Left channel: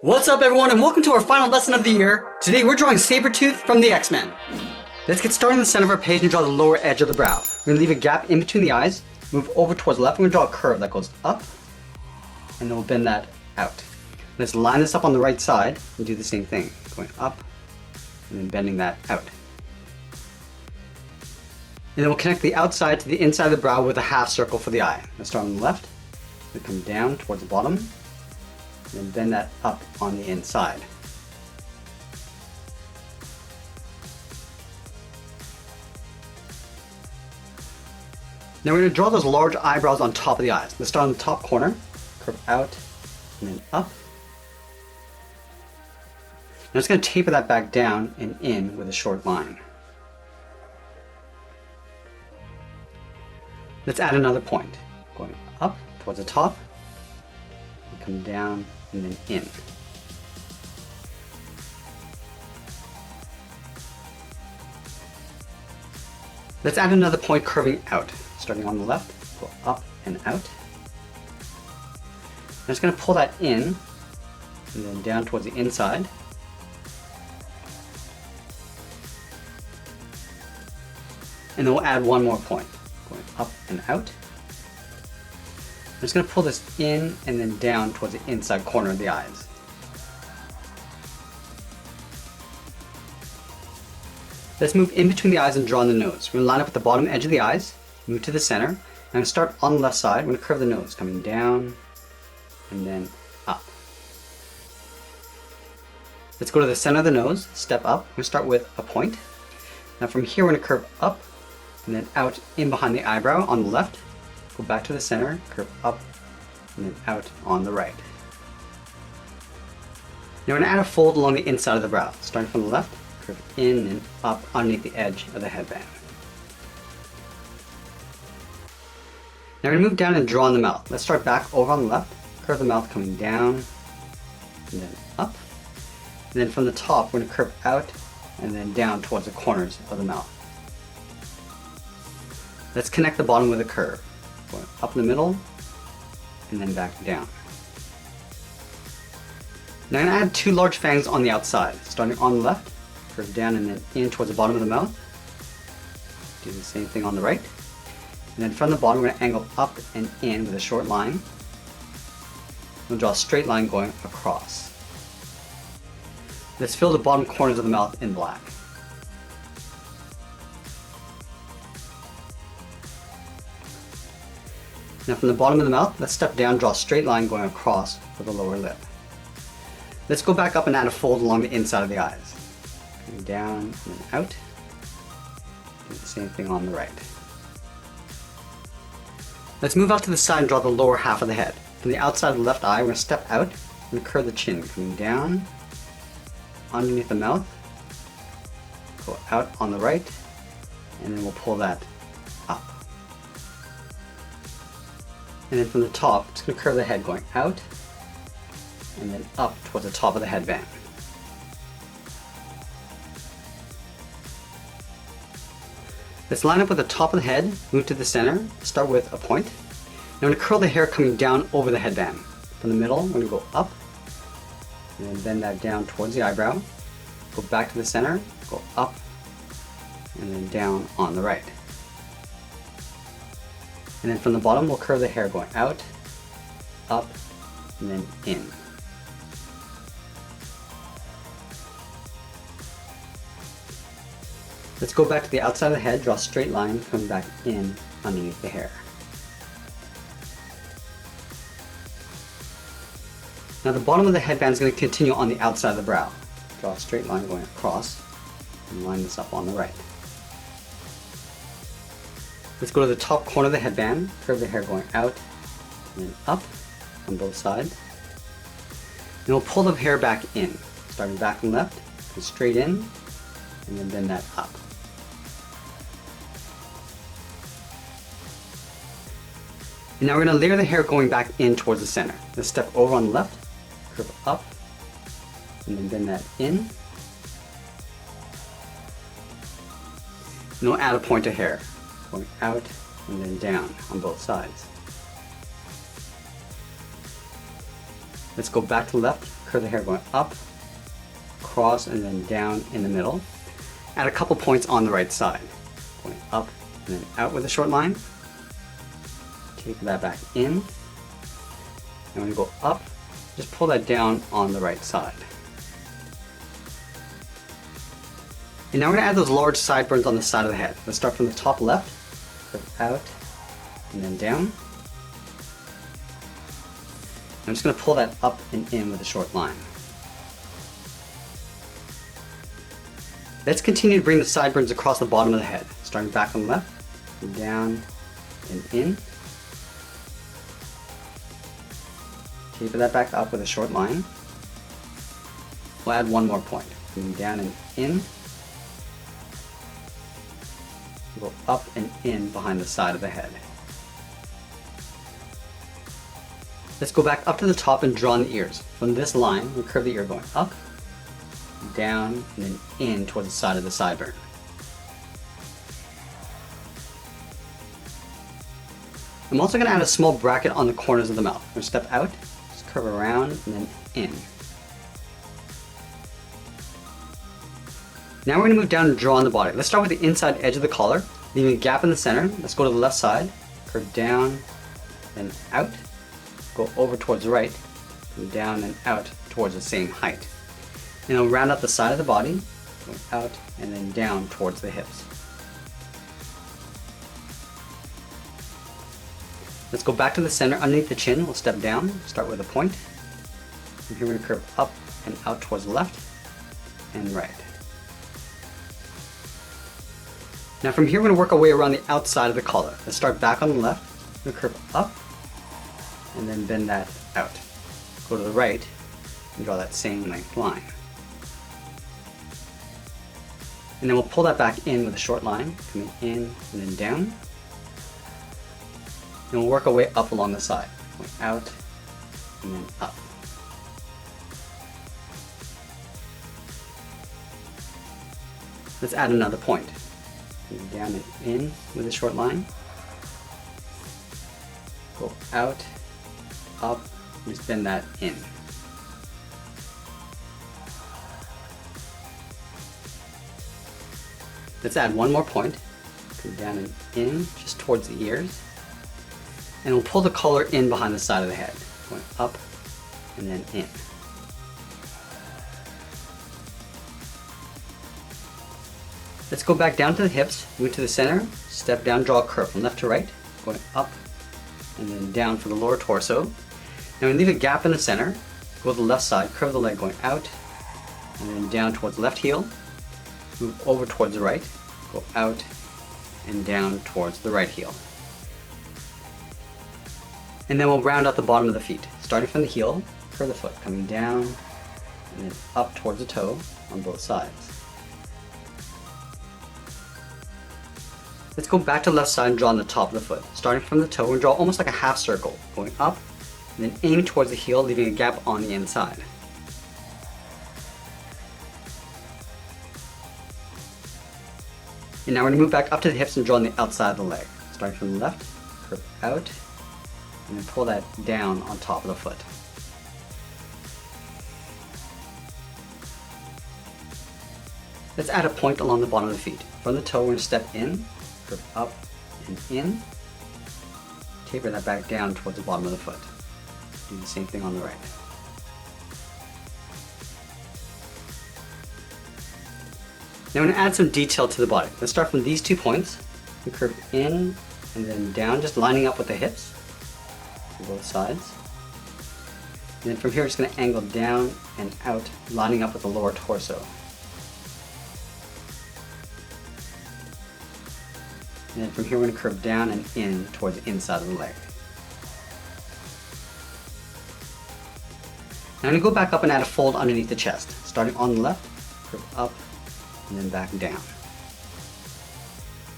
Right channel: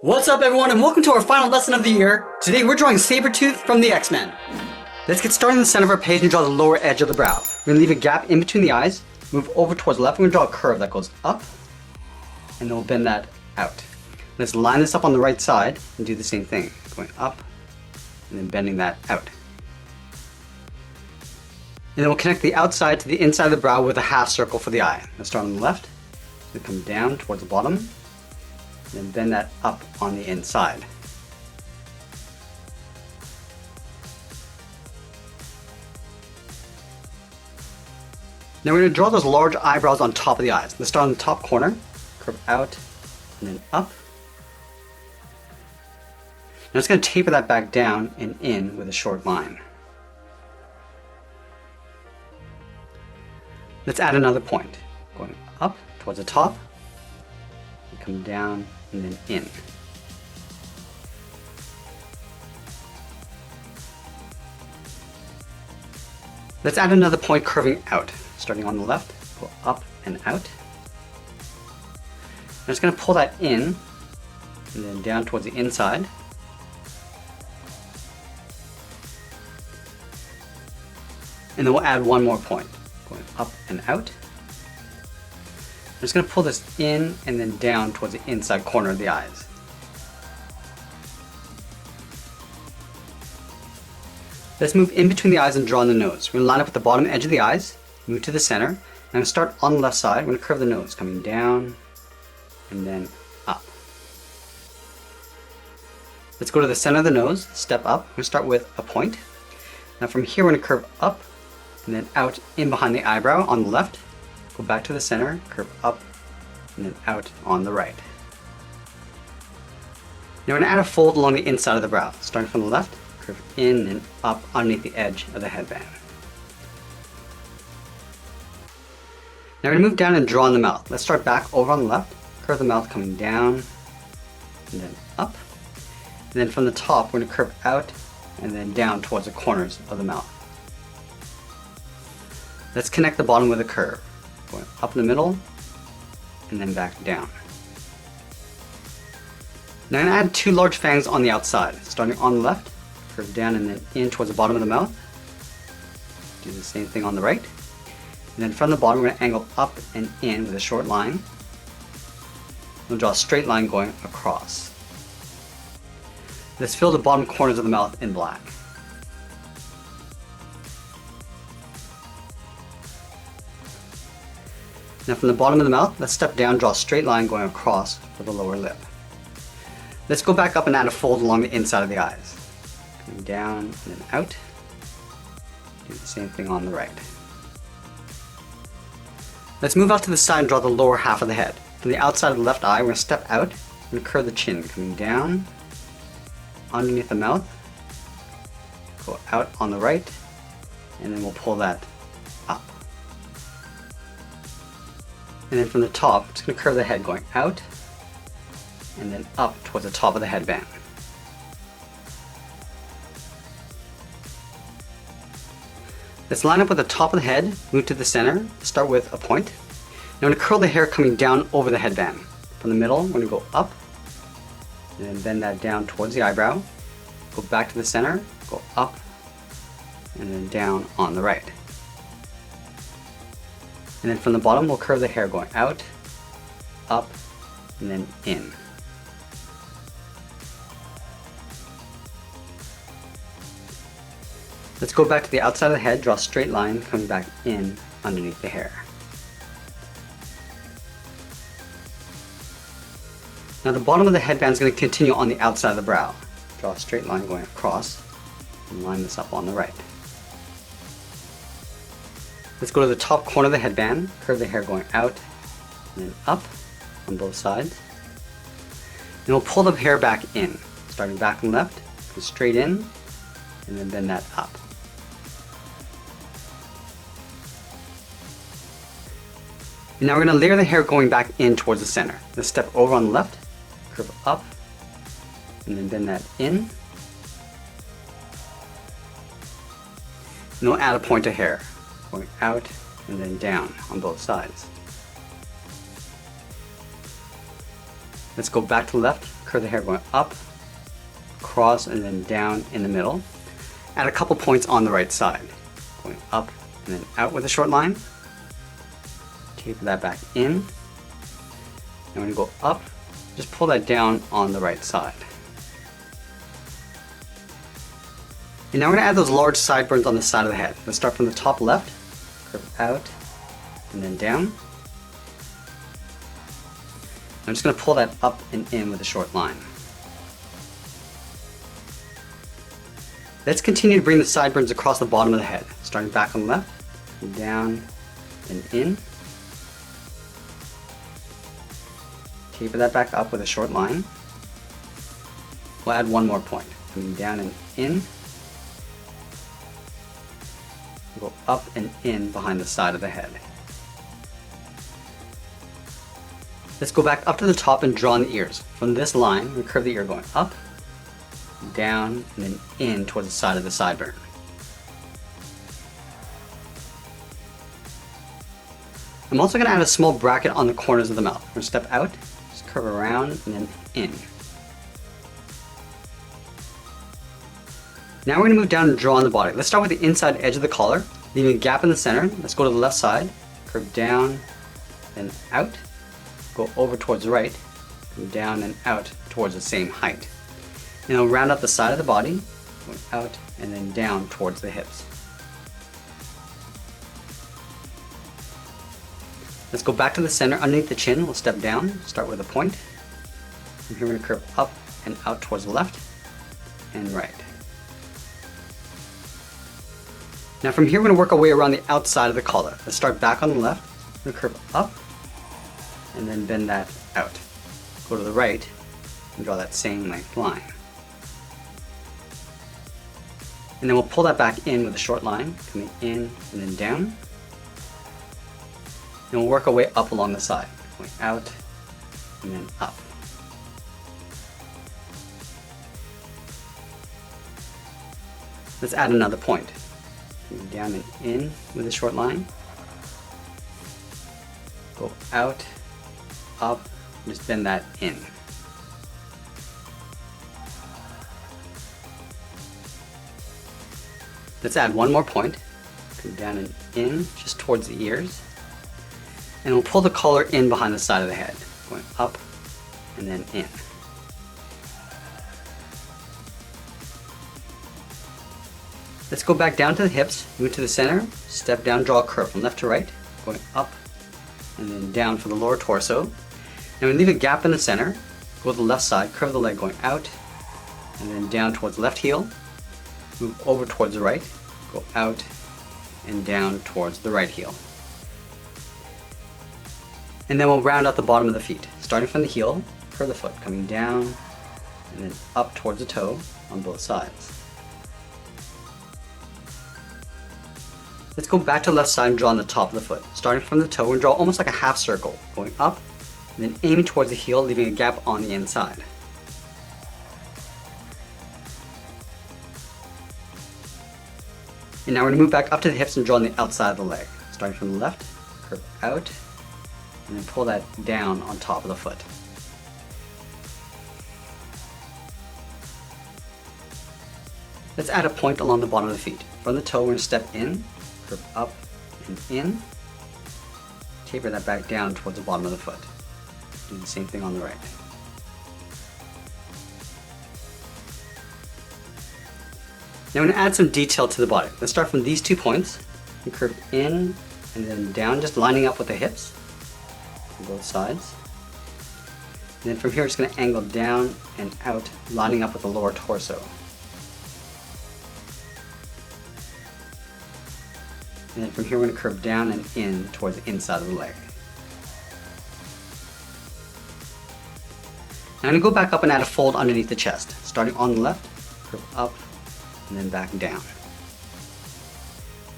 What's up, everyone, and welcome to our final lesson of the year. Today we're drawing Sabretooth from the X-Men. Let's get started in the center of our page and draw the lower edge of the brow. We're going to leave a gap in between the eyes, move over towards the left, and we're going to draw a curve that goes up, and then we'll bend that out. Let's line this up on the right side and do the same thing, going up and then bending that out. And then we'll connect the outside to the inside of the brow with a half circle for the eye. Let's start on the left, and come down towards the bottom, and bend that up on the inside. Now we're going to draw those large eyebrows on top of the eyes. Let's start on the top corner, curve out, and then up. I'm just going to taper that back down and in with a short line. Let's add another point, going up towards the top, and come down and then in. Let's add another point curving out, starting on the left, go up and out. I'm just going to pull that in and then down towards the inside. And then we'll add one more point, going up and out. I'm just going to pull this in and then down towards the inside corner of the eyes. Let's move in between the eyes and draw in the nose. We're going to line up at the bottom edge of the eyes, move to the center. I'm going to start on the left side. We're going to curve the nose, coming down and then up. Let's go to the center of the nose, step up. We're going to start with a point. Now from here we're going to curve up and then out in behind the eyebrow on the left. Go back to the center, curve up, and then out on the right. Now we're going to add a fold along the inside of the brow. Starting from the left, curve in and up underneath the edge of the headband. Now we're going to move down and draw in the mouth. Let's start back over on the left, curve the mouth coming down, and then up. And then from the top, we're going to curve out and then down towards the corners of the mouth. Let's connect the bottom with a curve. Going up in the middle, and then back down. Now I'm going to add two large fangs on the outside. Starting on the left, curve down and in towards the bottom of the mouth. Do the same thing on the right. And then from the bottom, we're going to angle up and in with a short line. We'll draw a straight line going across. Let's fill the bottom corners of the mouth in black. Now from the bottom of the mouth, let's step down, draw a straight line going across for the lower lip. Let's go back up and add a fold along the inside of the eyes. Going down and then out. Do the same thing on the right. Let's move out to the side and draw the lower half of the head. From the outside of the left eye, we're going to step out and curve the chin, coming down underneath the mouth, go out on the right, and then we'll pull that up. And then from the top, it's going to curve the head going out and then up towards the top of the headband. Let's line up with the top of the head, move to the center, start with a point. Now we're going to curl the hair coming down over the headband. From the middle, we're going to go up and bend that down towards the eyebrow. Go back to the center, go up and then down on the right. And then from the bottom, we'll curve the hair going out, up, and then in. Let's go back to the outside of the head, draw a straight line coming back in underneath the hair. Now the bottom of the headband is going to continue on the outside of the brow. Draw a straight line going across and line this up on the right. Let's go to the top corner of the headband, curve the hair going out and then up on both sides. And we'll pull the hair back in, starting back from left, go straight in, and then bend that up. And now we're going to layer the hair going back in towards the center. Let's step over on the left, curve up, and then bend that in. And we'll add a point of hair, going out and then down on both sides. Let's go back to the left, Curve the hair going up, across, and then down in the middle. Add a couple points on the right side. Going up and then out with a short line. Taper that back in. And when you go up, just pull that down on the right side. And now we're going to add those large sideburns on the side of the head. Let's start from the top left, curve out, and then down. I'm just going to pull that up and in with a short line. Let's continue to bring the sideburns across the bottom of the head, starting back on the left, and down, and in. Taper that back up with a short line. We'll add one more point, coming down and in. Go up and in behind the side of the head. Let's go back up to the top and draw in the ears. From this line, we curve the ear going up, down, and then in towards the side of the sideburn. I'm also going to add a small bracket on the corners of the mouth. We're going to step out, just curve around, and then in. Now we're going to move down and draw on the body. Let's start with the inside edge of the collar, leaving a gap in the center. Let's go to the left side, curve down, then out, go over towards the right, come down and out towards the same height. And then we'll round out the side of the body, going out and then down towards the hips. Let's go back to the center underneath the chin. We'll step down, start with a point. From here we're going to curve up and out towards the left and right. Now from here we're going to work our way around the outside of the collar. Let's start back on the left, we're going to curve up and then bend that out. Go to the right and draw that same length line. And then we'll pull that back in with a short line, coming in and then down. And we'll work our way up along the side, going out and then up. Let's add another point. Coming down and in with a short line. Go out, up, just bend that in. Let's add one more point. Come down and in, just towards the ears. And we'll pull the collar in behind the side of the head, going up and then in. Let's go back down to the hips, move to the center, step down, draw a curve from left to right, going up and then down for the lower torso. Now we leave a gap in the center, go to the left side, curve the leg going out and then down towards the left heel, move over towards the right, go out and down towards the right heel. And then we'll round out the bottom of the feet. Starting from the heel, curve the foot, coming down and then up towards the toe on both sides. Let's go back to the left side and draw on the top of the foot. Starting from the toe, we'll draw almost like a half circle, going up and then aiming towards the heel, leaving a gap on the inside. And now we're going to move back up to the hips and draw on the outside of the leg. Starting from the left, curve out, and then pull that down on top of the foot. Let's add a point along the bottom of the feet. From the toe, we're going to step in, curve up and in, taper that back down towards the bottom of the foot. Do the same thing on the right. Now I'm going to add some detail to the body. Let's start from these 2 points and curve in and then down, just lining up with the hips on both sides. And then from here, we're just going to angle down and out, lining up with the lower torso. And then from here, we're going to curve down and in towards the inside of the leg. Now I'm going to go back up and add a fold underneath the chest. Starting on the left, curve up, and then back down. Now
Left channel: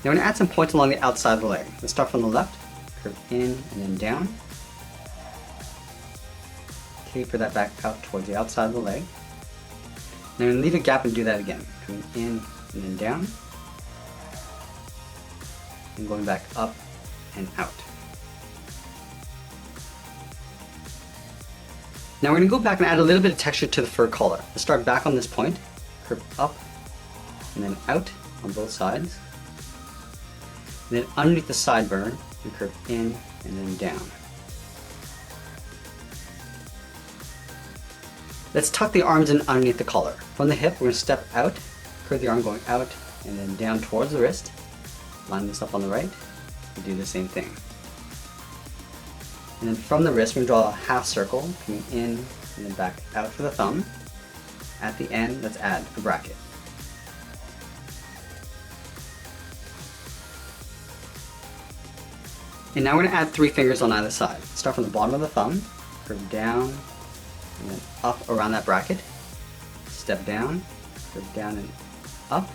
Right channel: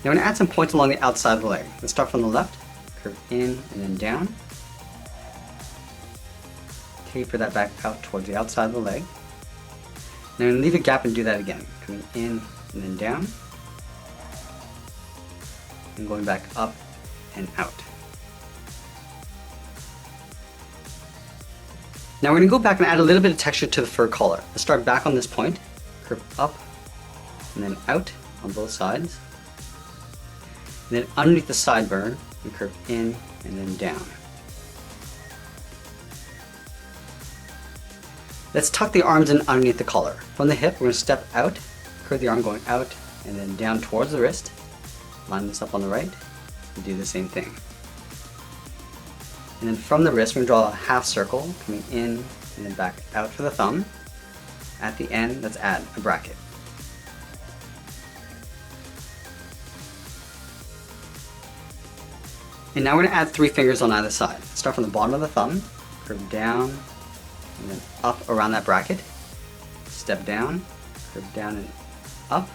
we're going to add some points along the outside of the leg. Let's start from the left, curve in and then down. Taper that back out towards the outside of the leg. Now we're going to leave a gap and do that again. Coming in and then down. And going back up and out. Now we're going to go back and add a little bit of texture to the fur collar. Let's start back on this point, curve up, and then out on both sides. And then underneath the sideburn, we curve in and then down. Let's tuck the arms in underneath the collar. From the hip, we're going to step out, curve the arm going out, and then down towards the wrist. Line this up on the right, and do the same thing. And then from the wrist, we draw a half circle, coming in and then back out for the thumb. At the end, let's add a bracket. And now we're going to add 3 fingers on either side. Start from the bottom of the thumb, curve down, and then up around that bracket. Step down, curve down and up.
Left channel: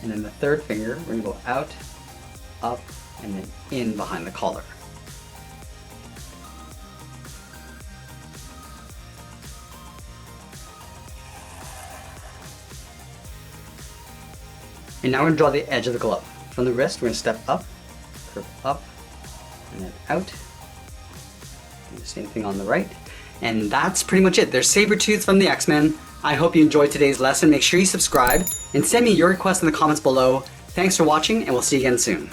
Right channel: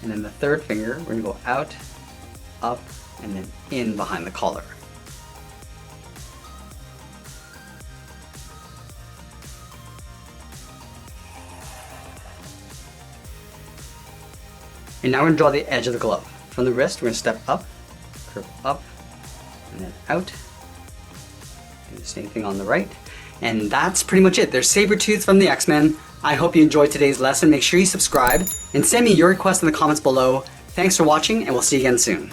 And then the third finger, we're going to go out, up, and then in behind the collar. And now we're going to draw the edge of the glove. From the wrist, we're going to step up, curve up, and then out. Do the same thing on the right. And that's pretty much it. There's Sabretooth from the X-Men. I hope you enjoyed today's lesson. Make sure you subscribe and send me your requests in the comments below. Thanks for watching, and we'll see you again soon.